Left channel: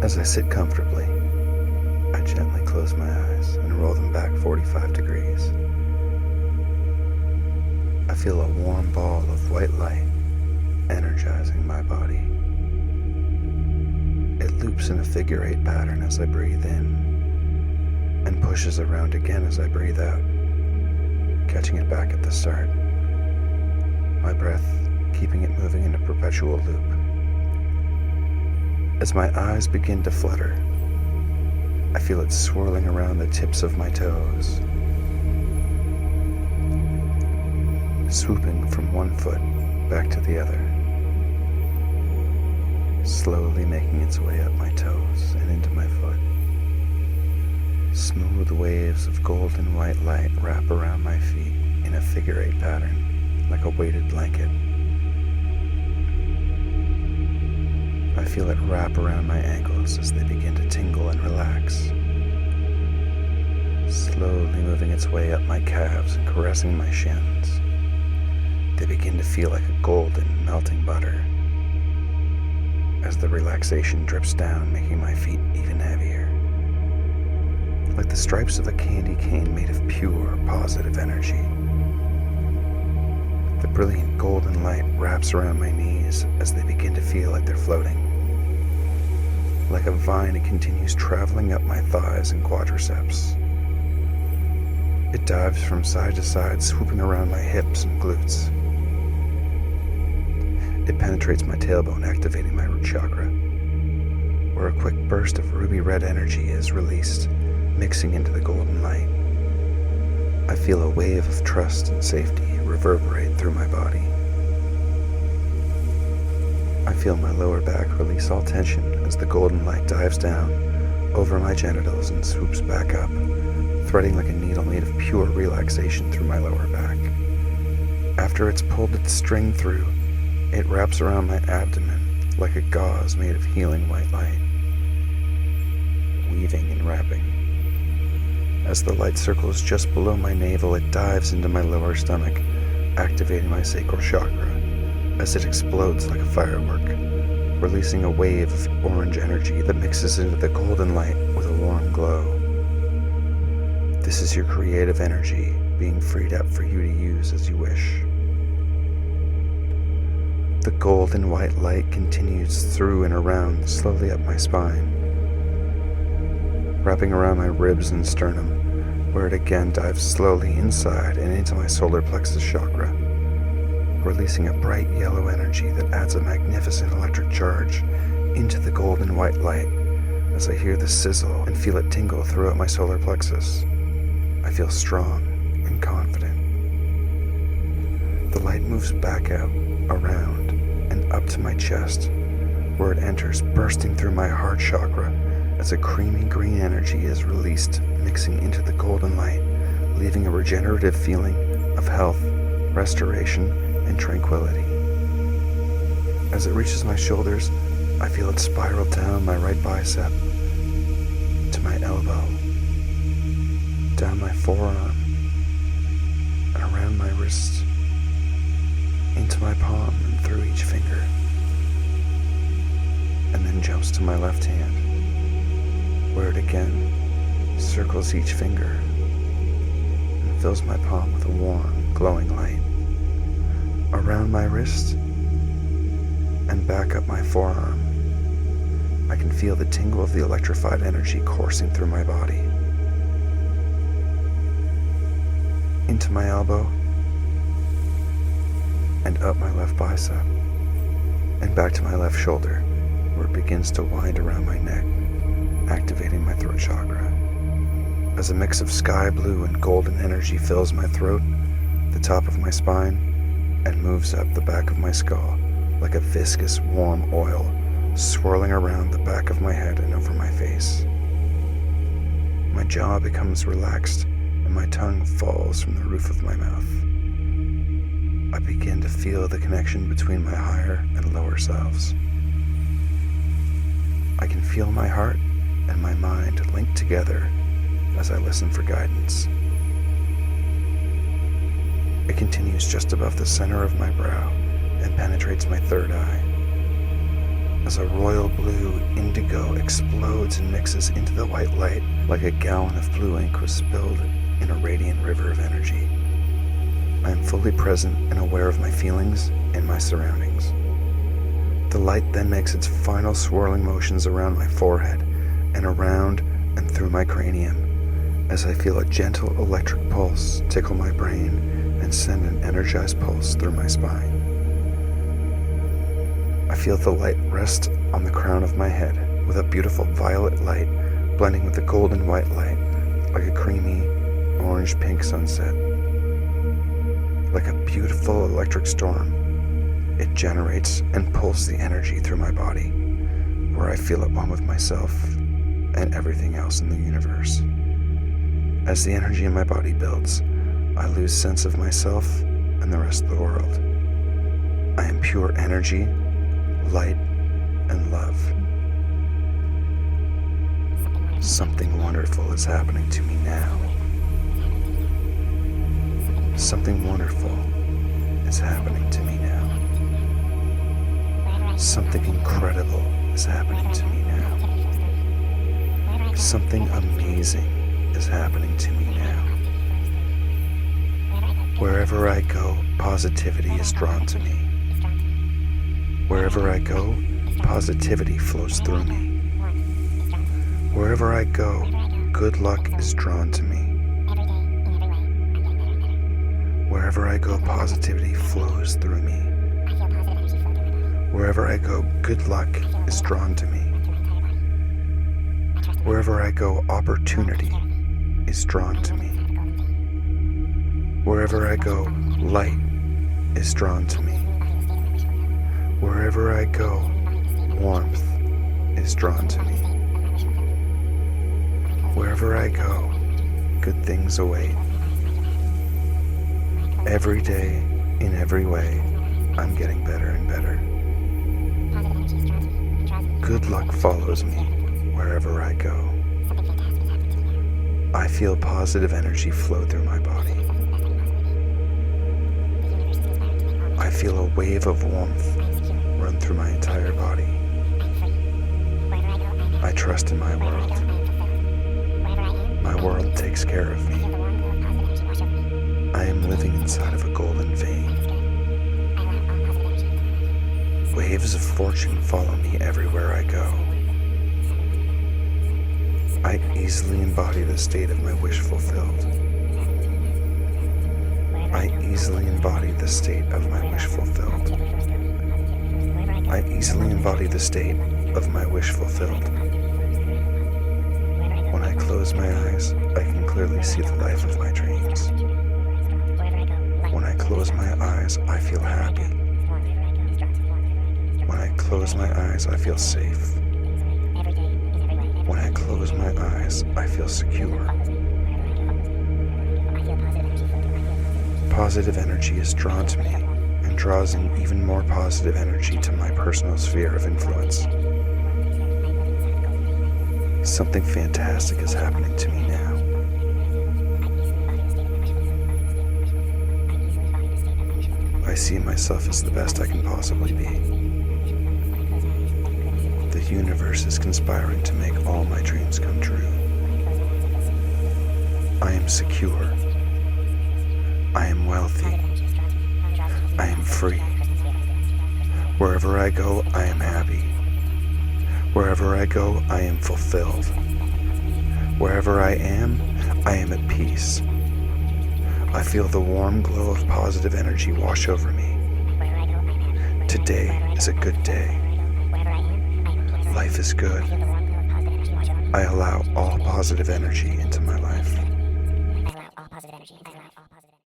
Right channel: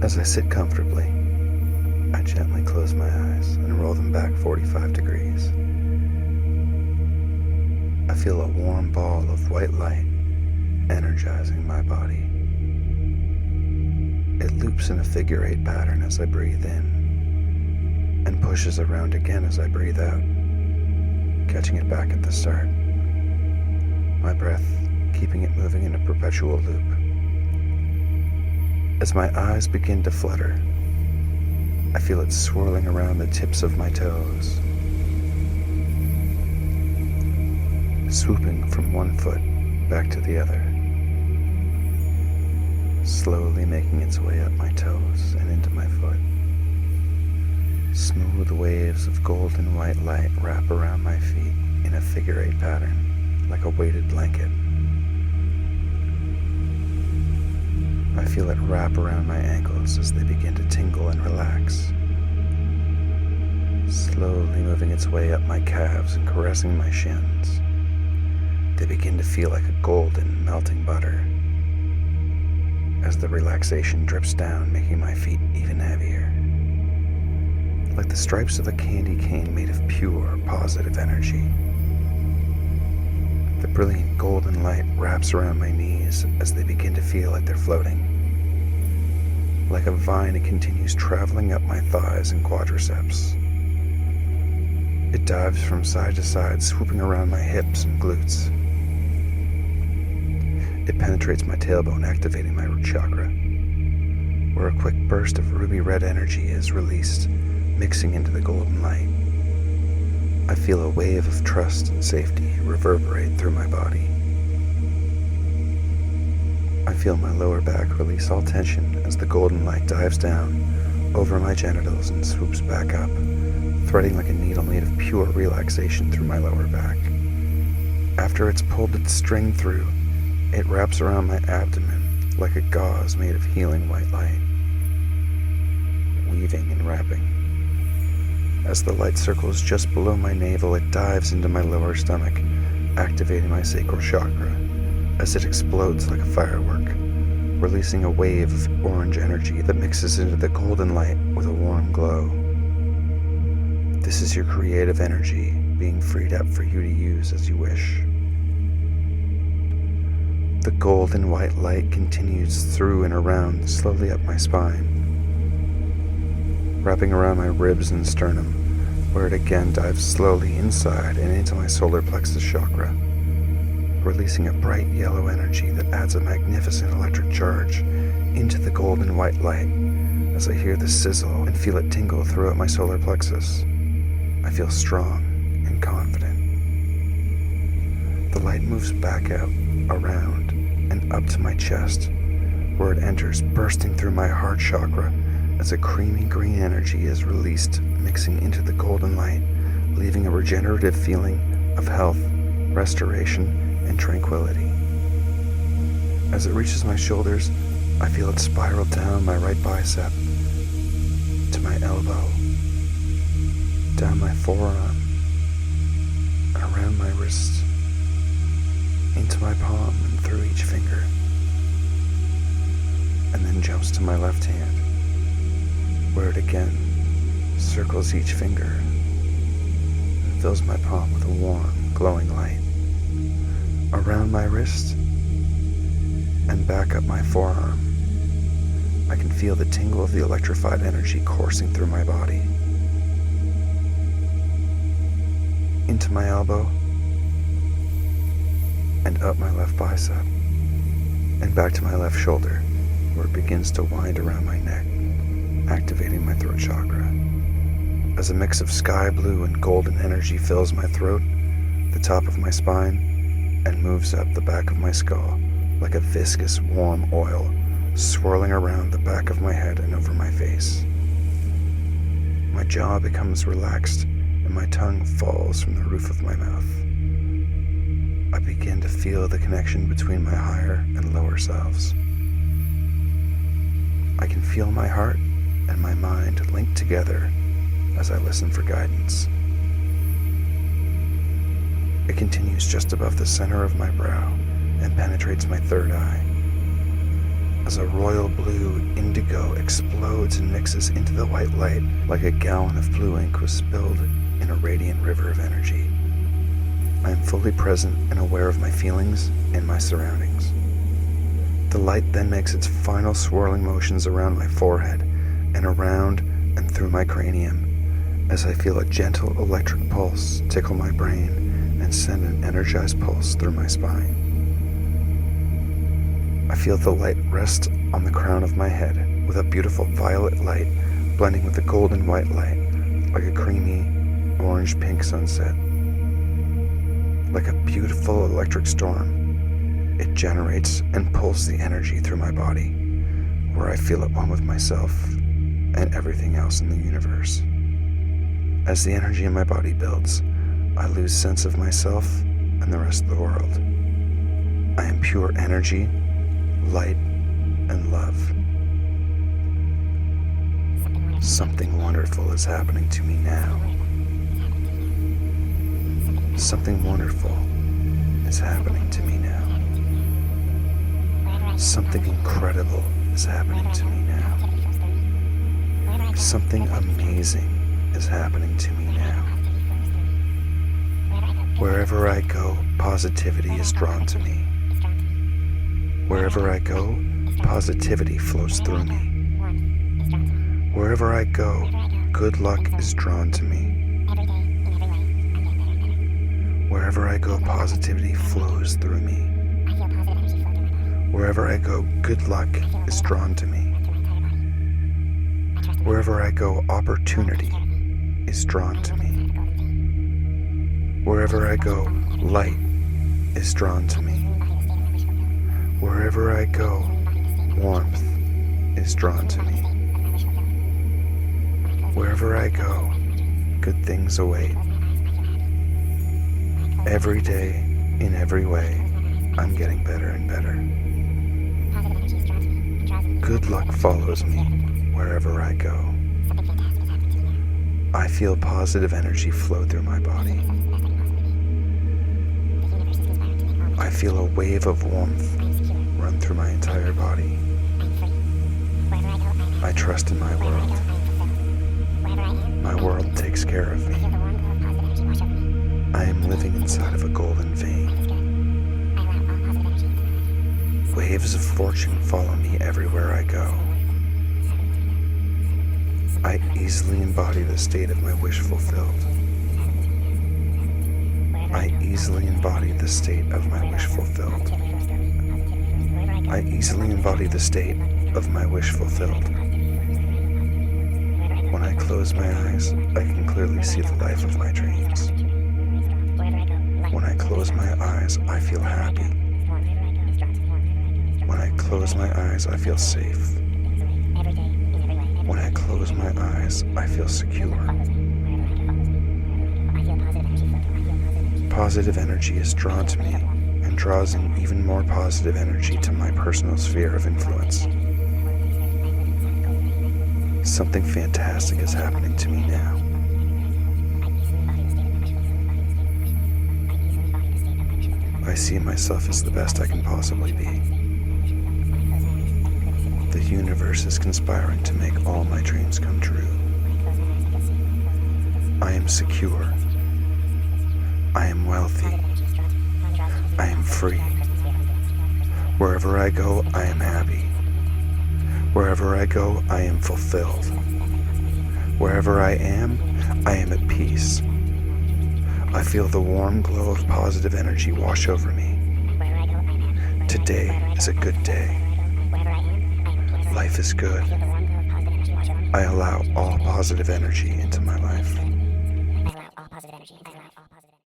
As I sit comfortably, I gently close my eyes and roll them back 45 degrees. I feel a warm ball of white light energizing my body. It loops in a figure-8 pattern as I breathe in and pushes around again as I breathe out, catching it back at the start. My breath keeping it moving in a perpetual loop. As my eyes begin to flutter, I feel it swirling around the tips of my toes, swooping from one foot back to the other, slowly making its way up my toes and into my foot. Smooth waves of golden white light wrap around my feet in a figure-8 pattern, like a weighted blanket. I feel it wrap around my ankles as they begin to tingle and relax, slowly moving its way up my calves and caressing my shins. They begin to feel like a golden, melting butter as the relaxation drips down, making my feet even heavier, like the stripes of a candy cane made of pure, positive energy. The brilliant golden light wraps around my knees as they begin to feel like they're floating. Like a vine, it continues traveling up my thighs and quadriceps. It dives from side to side, swooping around my hips and glutes. It penetrates my tailbone, activating my root chakra, where a quick burst of ruby red energy is released, mixing into the golden light. I feel a wave of trust and safety reverberate through my body. I feel my lower back release all tension as the golden light dives down over my genitals and swoops back up, threading like a needle made of pure relaxation through my lower back. After it's pulled its string through, it wraps around my abdomen like a gauze made of healing white light, weaving and wrapping. As the light circles just below my navel, it dives into my lower stomach, activating my sacral chakra as it explodes like a firework, releasing a wave of orange energy that mixes into the golden light with a warm glow. This is your creative energy being freed up for you to use as you wish. The golden white light continues through and around, slowly up my spine, wrapping around my ribs and sternum, where it again dives slowly inside and into my solar plexus chakra, releasing a bright yellow energy that adds a magnificent electric charge into the golden white light as I hear the sizzle and feel it tingle throughout my solar plexus. I feel strong and confident. The light moves back out, around, and up to my chest, where it enters, bursting through my heart chakra as a creamy green energy is released, mixing into the golden light, leaving a regenerative feeling of health, restoration, and tranquility. As it reaches my shoulders, I feel it spiral down my right bicep to my elbow, down my forearm, around my wrist, into my palm and through each finger, and then jumps to my left hand, where it again circles each finger and fills my palm with a warm, glowing light. Around my wrist and back up my forearm, I can feel the tingle of the electrified energy coursing through my body. Into my elbow, and up my left bicep, and back to my left shoulder, where it begins to wind around my neck, activating my throat chakra. As a mix of sky blue and golden energy fills my throat, the top of my spine, and moves up the back of my skull like a viscous, warm oil, swirling around the back of my head and over my face. My jaw becomes relaxed, and my tongue falls from the roof of my mouth. I begin to feel the connection between my higher and lower selves. I can feel my heart and my mind linked together as I listen for guidance. It continues just above the center of my brow and penetrates my third eye. as a royal blue indigo explodes and mixes into the white light like a gallon of blue ink was spilled in a radiant river of energy. I am fully present and aware of my feelings and my surroundings. The light then makes its final swirling motions around my forehead and around and through my cranium as I feel a gentle electric pulse tickle my brain and send an energized pulse through my spine. I feel the light rest on the crown of my head with a beautiful violet light blending with the golden white light like a creamy orange-pink sunset. Like a beautiful electric storm, it generates and pulls the energy through my body, where I feel at one with myself and everything else in the universe. As the energy in my body builds, I lose sense of myself and the rest of the world. I am pure energy, light, and love. Something wonderful is happening to me now. Something wonderful is happening to me now. Something incredible is happening to me now. Something amazing is happening to me now. Wherever I go, positivity is drawn to me. Wherever I go, positivity flows through me. Wherever I go, good luck is drawn to me. Wherever I go, positivity flows through me. Wherever I go, good luck is drawn to me. Wherever I go, opportunity is drawn to me. Wherever I go, light is drawn to me. Wherever I go, warmth is drawn to me. Wherever I go, good things await. Every day, in every way, I'm getting better and better. Good luck follows me wherever I go. I feel positive energy flow through my body. I feel a wave of warmth run through my entire body. I trust in my world. My world takes care of me. I am living inside of a golden vein. Waves of fortune follow me everywhere I go. I easily embody the state of my wish fulfilled. I easily embody the state of my wish fulfilled. I easily embody the state of my wish fulfilled. When I close my eyes, I can clearly see the life of my dreams. When I close my eyes, I feel happy. When I close my eyes, I feel safe. When I close my eyes, I feel secure. Positive energy is drawn to me and draws in even more positive energy to my personal sphere of influence. Something fantastic is happening to me now. I see myself as the best I can possibly be. The universe is conspiring to make all my dreams come true. I am secure. I am wealthy. I am free. Wherever I go, I am happy. Wherever I go, I am fulfilled. Wherever I am at peace. I feel the warm glow of positive energy wash over me. Today is a good day. Life is good. I allow all positive energy into my life.